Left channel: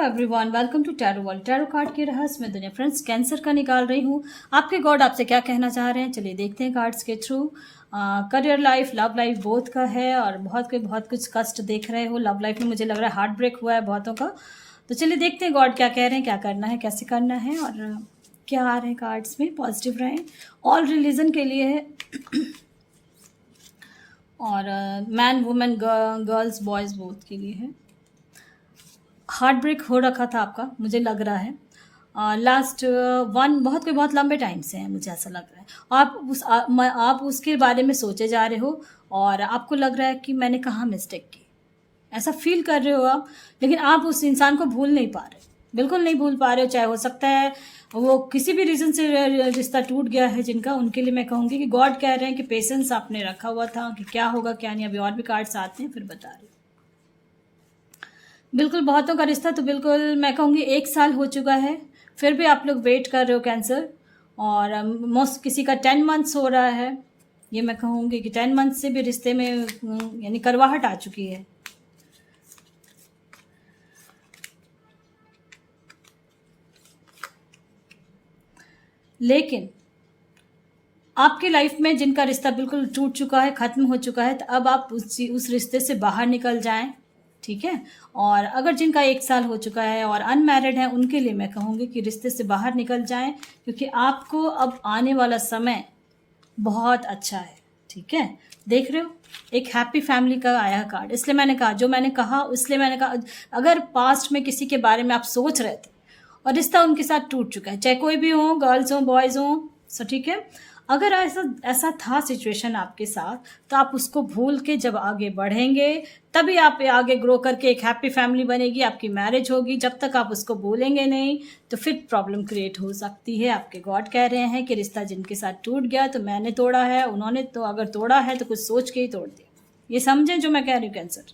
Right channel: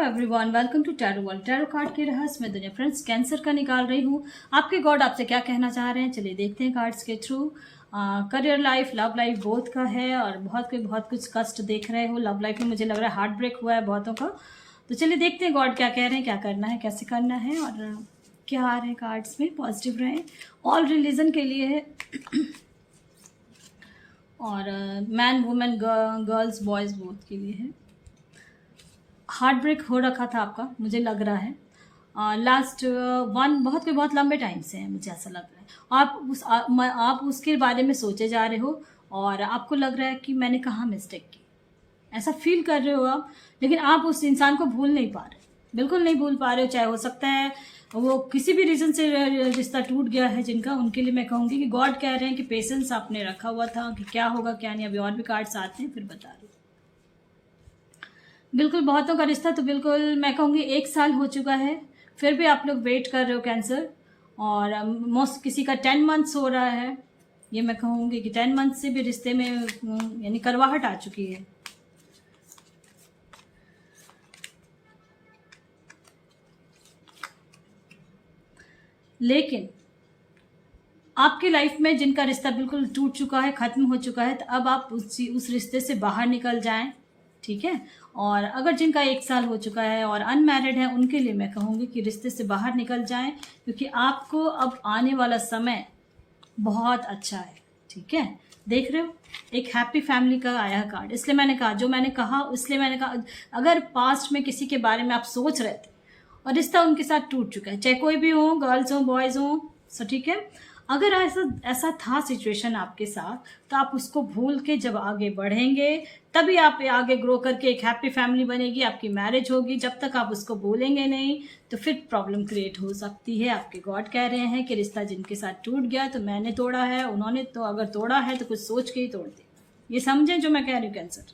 Everyone, welcome to tarot world. Tarot card के रहस्य में दुनिया फ्रेंड्स कैंसर का निकाल रही हूँ। आपके गॉड आपसे क्या कहना चाह रहे हैं, चलिए देखते हैं कार्ड्स के through. Career life, love life both का है और बहुत कुछ कष्ट देख रहे हो लव लाइफ में। मुझे लग रहा है हार्ट ब्रेक हुआ है बहुतों का। तो चलिए देखते हैं गॉड क्या कह रहे हैं, क्या करना है, कैसे करना है और क्या आ रहे हैं कार्ड्स में। पॉजिटिव रहें, ऑल रिलीजन के लिए है और man women girls boys both के लिए है। हार्ट ब्रेक हो रखा था आपका, मुझे लग रहा है लास्ट बहुत लंबे टाइम से है, मुझे ऐसा लग रहा है। आप उसके बारे में सोचे जा रहे हो और आपको लग रहा है कि मैंने कहाँ मिस्टेक की, ऐसा फील कर रहे हो आप। लेकिन आप उस इंसान को भूल नहीं पा रहे, बिल्कुल नहीं भूल पा रहे हो। चाहे हो सकता है वो किसी भी रीज़न से रिश्ता टूट गया है जिनका, उनके लिए मैं कहूँगी कि गॉड कह रहे हैं कि पेशेंस आपने रखा हुआ था कि क्या होगा क्या नहीं। अभी और भी कार्ड्स आते हैं फिर बता रही हूँ। बिल्कुल बहुतों का रिश्ता तो बिल्कुल मैं कहूँगी 1 साल हो चुका है, फिर भी आप लोग वेट कर रहे हो कैंसर। और मोस्ट किसी का 10 मंथ्स हो रहा है, ये मैं कहूँगी कि 10 मंथ से भी रिश्ते में यानी करवाहट आ चुकी है। लेकिन आपकी लाइफ में जिनका रिश्ता बिल्कुल टूट चुका है, ख़त्म हो चुका है, तो अब आप उस रिश्ते से बाहर निकल जाएं, ठीक है। और अगर जिनका 1 साल हो चुका है और अनमैरिड है, उनके लिए मैं कहूँगी कि रिश्ते से बाहर निकल जाएं, क्योंकि आपको अब आने वाला समय बहुत अच्छा है, ठीक है। देख रहे हो एक हैप्पी फैमिली का आया कार्ड, इसलिए मैंने कहा जो मैंने कहा, इसलिए मैंने कहा अगर पास्ट में किसी के बारे में आप सोच रहे थे और रिश्ता उनके साथ टूट चुका है, चाहे कोई भी हो, गर्ल्स हो बॉयज़ हो, सो ठीक है। अगर ऐसा था सिचुएशन आपके साथ, तो आप उसको भूल के जब आगे बढ़ेंगे तभी आप आगे ग्रो करके एक हैप्पी फैमिली बनेगी, आपकी मैरिज होगी। जब तक आप उसको भूलेंगे नहीं तो फिर प्रॉब्लम क्रिएट हो सकती है। आपके गॉड कह रहे हैं कि रिश्ता जिनके साथ टूट गया तो मैंने तोड़ा है, उन्होंने तो अगर तोड़ा है तो कुछ सोच के ही तोड़ दिया। ये समझें जो मैं कह रही हूँ कैंसर।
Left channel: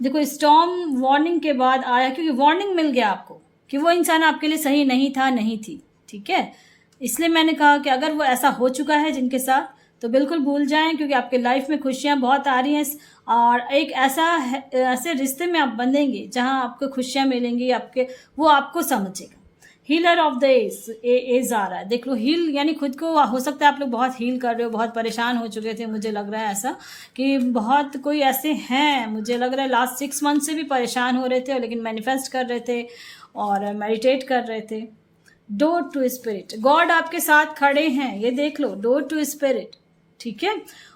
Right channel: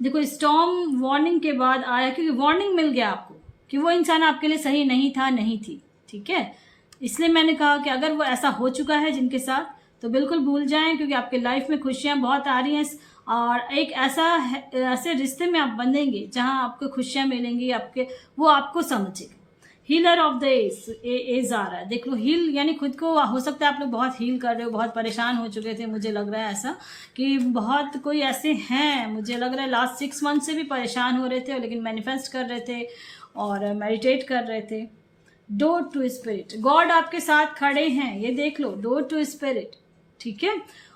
देखो स्टॉर्म वार्निंग के बाद आया, क्योंकि वार्निंग मिल गया आपको कि वो इंसान आपके लिए सही नहीं था, नहीं थी, ठीक है। इसलिए मैंने कहा कि अगर वो ऐसा हो चुका है जिनके साथ तो बिल्कुल भूल जाएं, क्योंकि आपके लाइफ में खुशियां बहुत आ रही हैं और एक ऐसे रिश्ते में आप बंधेंगे जहां आपको खुशियां मिलेंगी, वो आपको समझेगा। हीलर ऑफ द एज आ रहा है, देख लो। हील यानी खुद को, हो सकता है आप लोग बहुत हील कर रहे हो, बहुत परेशान हो चुके थे। मुझे लग रहा है ऐसा कि बहुत कोई ऐसे हैं, मुझे लग रहा है लास्ट 6 मंथ से भी परेशान हो रहे थे, लेकिन मैनिफेस्ट कर रहे थे और मेडिटेट कर रहे थे। डोर टू स्पिरिट, गॉड आपके साथ खड़े हैं, ये देख लो, डोर टू स्पिरिट, ठीक है।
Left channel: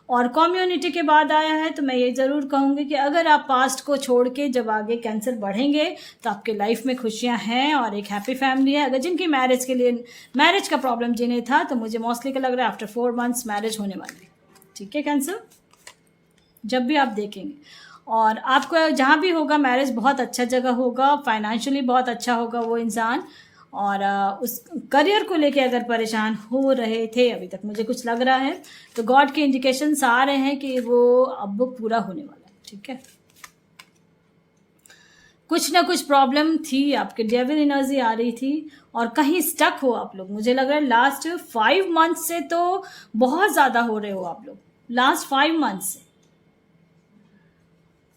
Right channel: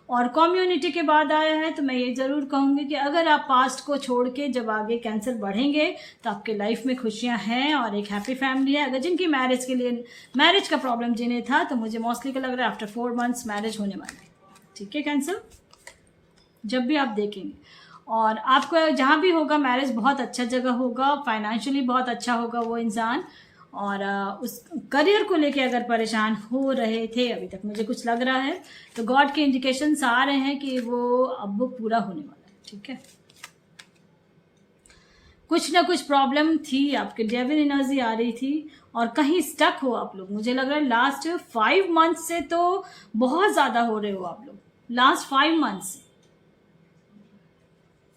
और कम्युनिटी के बाद आया है, तो मैं ये ज़रूर कहूँगी कि अगर आप पास्ट को छोड़ के जब आगे कैंसर बढ़ेंगे तो आपके लाइफ में खुशियाँ हैं और एक हैप्पी फैमिली है। अगर जिनकी मैरिज का प्रॉब्लम जिन्हें था, तो मुझे मोस्टली क्या लग रहा है आफ्टर 4 मंथ्स मैरिज होने वाली है, ठीक है कैंसर, जब भी आप देखेंगे। और आपको जहाँ भी होगा मैरिज बहुत अच्छा जगह होगा, फाइनेंशियली बहुत अच्छा होगा वो इंसान। और उस करियर को लेके अगर परेशान हो रहे थे अभी तक, मुझे कुछ लग रहा है, तो गॉड के इंडिकेशंस आ रहे हैं कि वो अब पूरा होने वाला है, ठीक है। कुछ ना कुछ प्रॉब्लम थी, आपके डेविल एनर्जी आ रही थी और कहीं स्टक हो आप लोग। मुझे लग रहा है लास्ट 5 मंथ से तो बहुत ज़्यादा हो रहे हो आप लोग, लास्ट 5 मंथ से।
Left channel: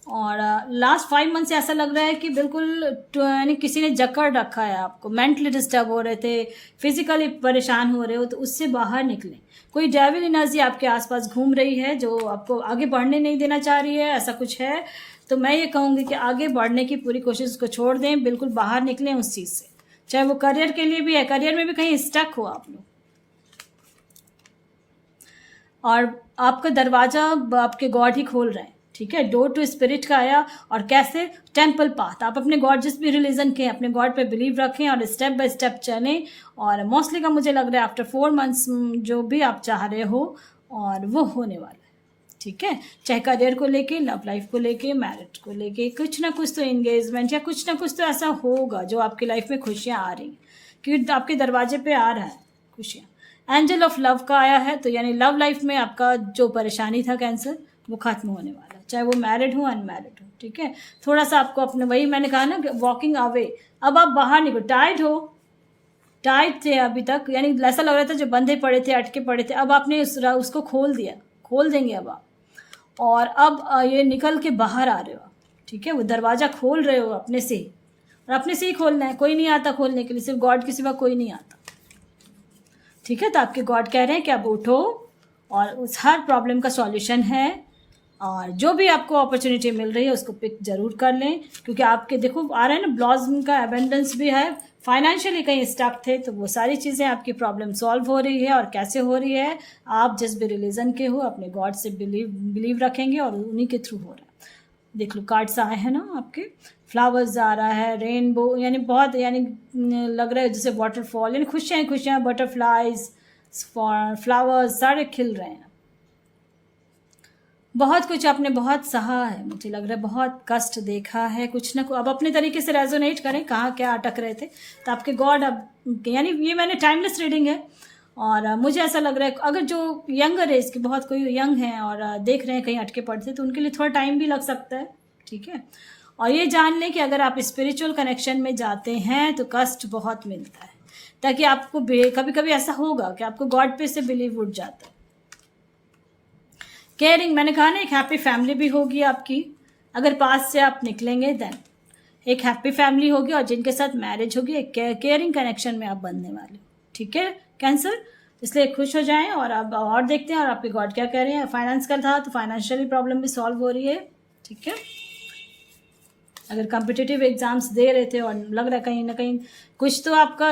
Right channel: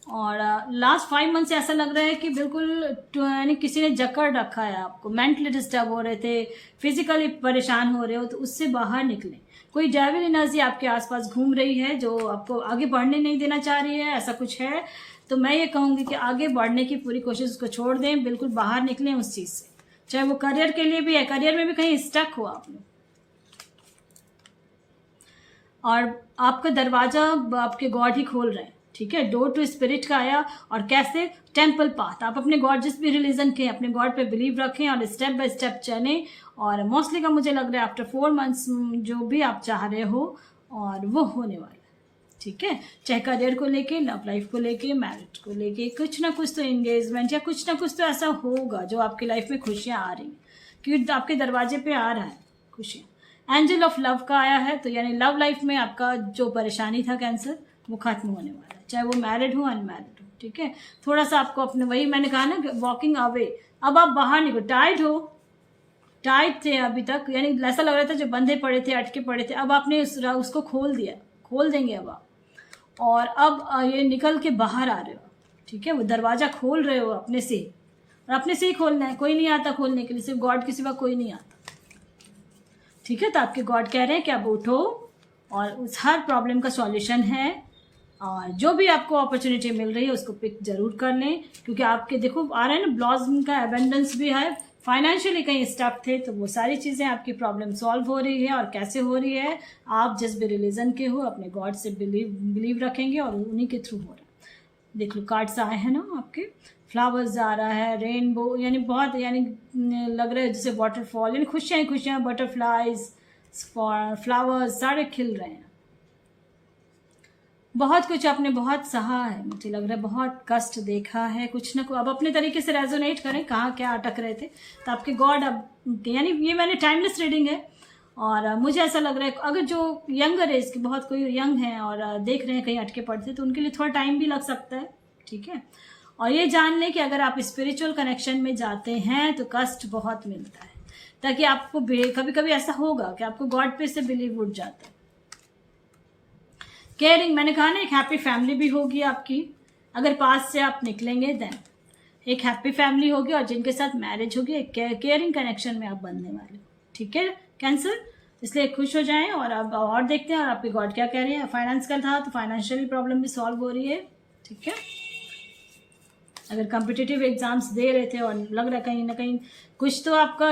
और लास्ट 5 मंथ से ऐसा लग रहा है कि बिल्कुल यानी किसी ने जकड़ रखा है आपको, मेंटली डिस्टर्ब हो रहे थे, फिजिकली परेशान हो रहे हो, तो उससे बाहर निकलें। कोई डेविल एनर्जी आपके आसपास घूम रही है जो आपको आगे बढ़ने नहीं देना चाह रही है, ऐसा कुछ है। तो मैं ये कहूँगी कि आगे बढ़ने की पूरी कोशिश को छोड़ दें, बिल्कुल बाहर निकलें उस चीज़ से, चाहे वो करियर के लिए भी है, करियर में भी कहीं स्टक हो आप लोग। और आपका दरवाज़ा आपके गॉड ही खोल रहे हैं, ठीक है। डोर टू स्पिरिट का आया, और कैसे, टेम्पल पाथ। आप अपने गॉड, जिस भी रिलीजन के, अपने गॉड पे बिलीव रखें और स्टेप बाय स्टेप चलें। और मोस्टली का मुझे लग रहा है आफ्टर 4 मंथ्स जो भी आप चाह रहे हो और वो होने वाला है, ठीक है। चाहे करियर को लेके, लव लाइफ को लेके, मैरिज को लेके, कुछ ना कुछ तो एंगेजमेंट या कुछ ना कुछ तो ऐसा होगा जो आपकी लाइफ में खुशियाँ आ रही हैं, क्योंकि आपके दरवाजे पे आ रहा है खुशियाँ। एंजल ऑफ लव का आया है, तो यानी लव लाइफ में आपका जो परेशानी था कैंसर, वो खत्म होने वाला है, चाहे वो मैरिड हो अनमैरिड हो, ठीक है। थोड़ा सा आपको अपने, वही मैंने कहा ना, वॉकिंग अवे, अब आप बाहर निकलो। टाइट थे अभी तक, यानी ऐसा लग रहा था जो बंधे पड़े थे, अटके पड़े थे, अब आपने उसको खोल दिया, खोल देंगे अब आप। और अब ये निकल के बाहर आ रहे हो, ठीक है, वो दरवाज़ा खोल रहे हो अपने से ही, और अपने से ही खोलना है, कोई नहीं आता खोलने के लिए, सिर्फ गॉड के सिवा कोई नहीं आता। ठीक है, तो आपके गॉड कह रहे हैं कि अब उठो और उस हर प्रॉब्लम का सॉल्यूशन है, और जो भी आपको अपॉर्चुनिटी मिल रही है उसको पिक जरूर कर लें, क्योंकि आपके देखो आ रहा है ना ब्लॉसम का एबेंडेंस भी है। फाइनेंशियली कहीं स्टक थे तो वो सारी चीज़ें आपकी प्रॉब्लम सॉल्व हो रही है, और कैसे हो रही है, आप जिस भी रिलीजन के हो अपने गॉड से बिलीव रखेंगे और उन्हीं के थ्रू हो रहा है। देख लो कार्ड्स आए हैं ना आपके, फ्लावर्स आ रहा है, रेनबो, यानी बहुत, यानी लग रहा है जैसे वाटरफॉल, यानी खुशियाँ खुशियाँ, बटरफ्लाइज, फ्लावर्स सारे खिल रहे हैं। बहुत कुछ आपने बहुत सहा है, मुझे लग रहा है बहुत कष्ट देखा है, कुछ ना कुछ अब अपने तरीके से रेजोनेट करें कहाँ क्या अटक रहे थे, तो आपके गॉड अब, यानी ये मैंने टाइमलेस रीडिंग है, और मुझे ऐसा लग रहा है अगर जो यंगर एज के बहुत कोई यंग हैं और देख रहे हैं कहीं अटके पड़ते, तो उनके लिए थोड़ा टाइम भी लग सकता है। ठीक है, और ये जान लें कि अगर आप स्पिरिचुअल कनेक्शन में जाते हैं तो कष्ट बहुत मिलता है, ताकि आपको कभी कभी ऐसा होगा कि आपको गॉड पे से बिलीव उठ जाता है। केयरिंग, मैंने कहा ना एक हैप्पी फैमिली भी होगी आपकी, अगर पास से आप निकलेंगे देन एक हैप्पी फैमिली होगी, और जिनके साथ मैरिज होगी एक केयरिंग कनेक्शन में आप बनने वाले। ठीक है कैंसर, इसलिए खुश हो जाएं, और अब और देखते हैं और आपके गॉड क्या कह रहे हैं। फाइनेंस का था तो फाइनेंशियली प्रॉब्लम भी सॉल्व हो रही है। ठीक है, अगर कॉम्पिटिटिव एग्जाम्स दे रहे थे और लग रहा है कहीं ना कहीं कुछ तो आपका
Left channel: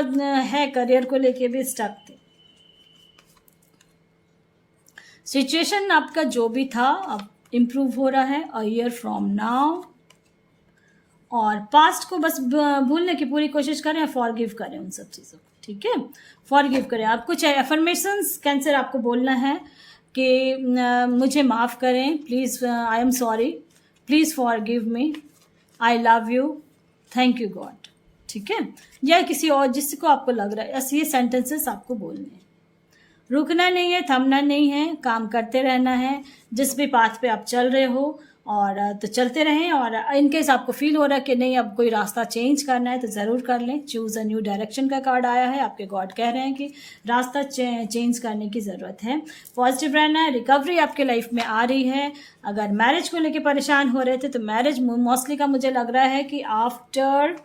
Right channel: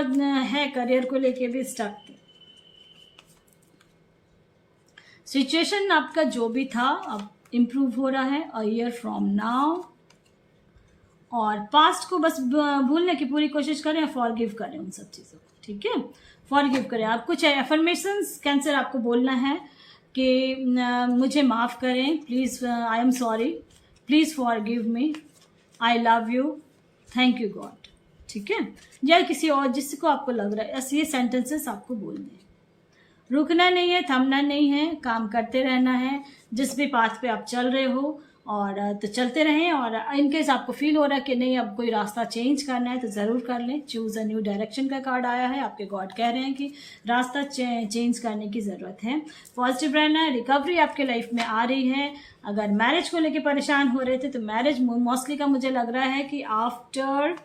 है करियर को लेके भी स्टक थे, सिचुएशन आपका जो भी था अब इम्प्रूव हो रहा है अ ईयर फ्रॉम नाउ, और पास्ट को बस भूलने की पूरी कोशिश करें, फॉरगिव करें उन सब चीज़ों को। ठीक है, फॉरगिव करें। आप कुछ एफर्मेशंस कैंसर आपको बोलना है कि मुझे माफ़ करें, please, I am sorry, please forgive me, I love you, thank you God. ठीक है, या किसी और जिसको आपको लग रहा है, ऐसे ये सेंटेंसेस आपको बोलने हैं। रुकना नहीं है, थमना नहीं है, काम करते रहना है, जिस भी पाथ पे आप चल रहे हो, और तो चलते रहें। और इनकेस आपको फील हो रहा है कि नहीं अब कोई रास्ता चेंज करना है तो ज़रूर कर लें। चूज़ अ न्यू डायरेक्शन का कार्ड आया है, आपके गॉड कह रहे हैं कि रास्ता चेंज करने की ज़रूरत है। पॉजिटिव रहना है, रिकवरी आपके लाइफ में आ रही है। अगर मैरिज को लेके परेशान हो रहे थे तो मैरिज मोस्टली का मुझे लग रहा है कि आफ्टर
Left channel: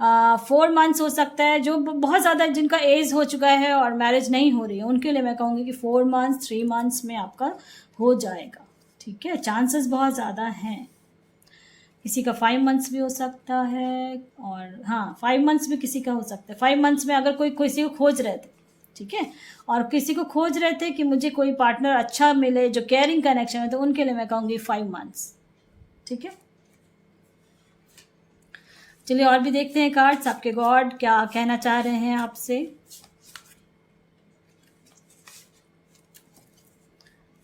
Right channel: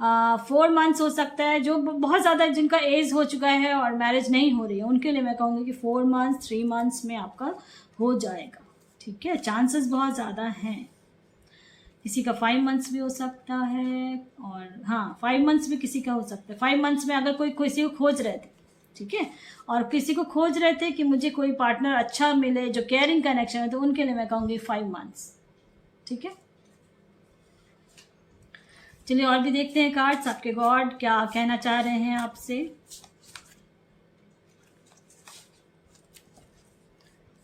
4 मंथ्स हो सकता है। जो बहुत ज़्यादा जिनका एज हो चुका है और मैरिज नहीं हो रही है उनके लिए मैं कहूँगी कि 4 मंथ्स 3 मंथ्स में आपका हो जाएगा। ठीक है, चांसेस बहुत ज़्यादा हैं। किसी का 5 मंथ्स भी हो सकता है, और हाँ 5 मंथ्स भी किसी का हो सकता है। 5 मंथ्स में अगर कोई किसी को खोज रहे थे, ठीक है, और किसी को खोज रहे थे कि मुझे कोई पार्टनर अच्छा मिले जो केयरिंग कनेक्शन है, तो उनके लिए मैं कहूँगी 5 मंथ्स। ठीक है, चलिए और भी देखते हैं कार्ड्स, आपके गॉड क्या कहना चाह रहे हैं आपसे।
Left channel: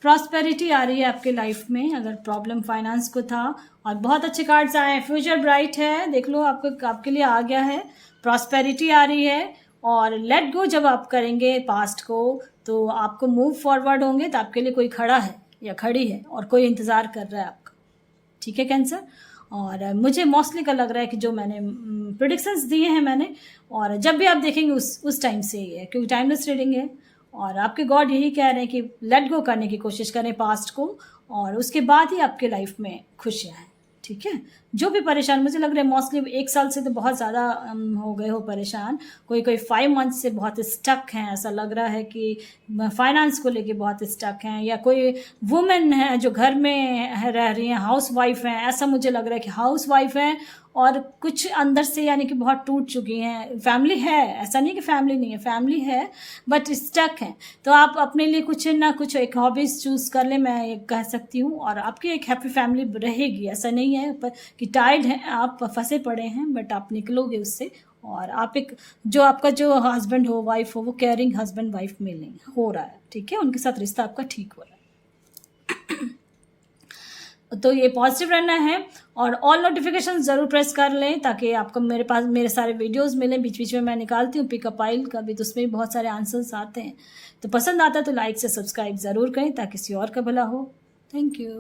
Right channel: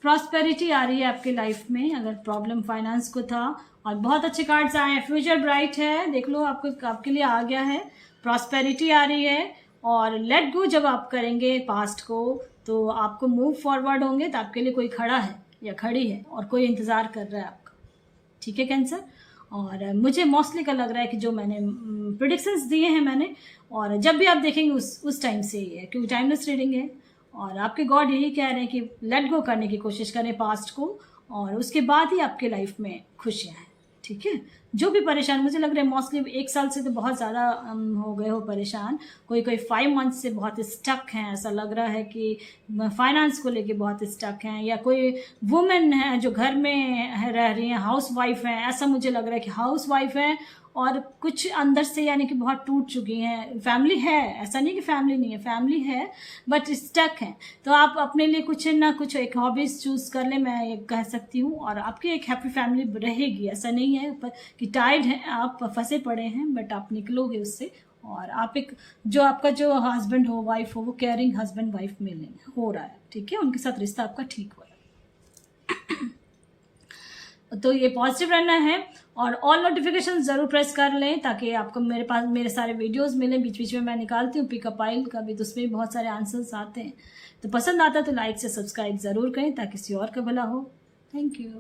प्रॉस्पेरिटी आ रही है आपके लाइफ में, अगर प्रॉब्लम फाइनेंस को था, और बहुत अच्छे कार्ड्स आए हैं। फ्यूचर ब्राइट है, देख लो आपके लिए आ गया है। प्रॉस्पेरिटी आ रही है, और लेट गो जब आप करेंगे पास्ट को तो आपको मूव फॉरवर्ड होंगे, तो आपके लिए कोई खड़ा है या खड़ी है और कोई इंतज़ार कर रहा है आपका। ठीक है कैंसर, और मुझे मोस्टली का लग रहा है कि जो मैंने प्रेडिक्शंस दिए हैं मैंने, और जब भी आप देखेंगे उस टाइम से ही है, क्योंकि टाइमलेस रीडिंग है। और आपके गॉड यही कह रहे हैं कि लेट गो करने की कोशिश करें पास्ट को, और उसके बाद ही आपके लाइफ में खुशियाँ हैं। ठीक है, जो भी परेशान, मुझे लग रहा है मोस्टली 1 साल से तो बहुत ज़्यादा हो गए हो परेशान, कोई 5 मंथ से बहुत स्टक हैं, ऐसा लग रहा है कि फाइनेंस को लेके बहुत स्टक हैं, या कोई वुमेन है जो घर में रह रही हैं, हाउस वाइफ हैं, ऐसा मुझे लग रहा है कि हाउस वाइफ हैं और कुछ अंदर से यानी कि बहुत टूट चुकी हैं। फैमिली है, ऐसा नहीं कि फैमिली नहीं है, फैमिली है बट स्टक है। तो आप अपने लिए कुछ ना कुछ एक हॉबीज़ चूज़ कर लें, मैं ये कह सकती हूँ, और आपकी एक हैप्पी फैमिली रहेगी। ऐसा नहीं है पर कि टाइड हैं, आप फंसे पड़े हैं, बट आप निकलोगे उससे, और आप एक जो आपका जो हस्बैंड हो, वाइफ हो, वो केयरिंग हस्बैंड वाइफ मिलेंगे, हो रहा है। ठीक है, उनके साथ रिश्ता आपका ठीक हो रहा है। तो ये पॉजिटिव रहना है, और ऑल नोटिफिकेशन ज़रूर प्रेस कर लें ताकि आपको मेरे पास मेरे सारे वीडियोस मिलें। बीच बीच में मैं निकालती हूँ पिकअप आइल का भी, तो उसमें भी बहुत सारे आंसर्स आते हैं। तो पसंद आता है तो लाइक से सब्सक्राइब ज़रूर करें ताकि किसी और का भला हो। Thank you.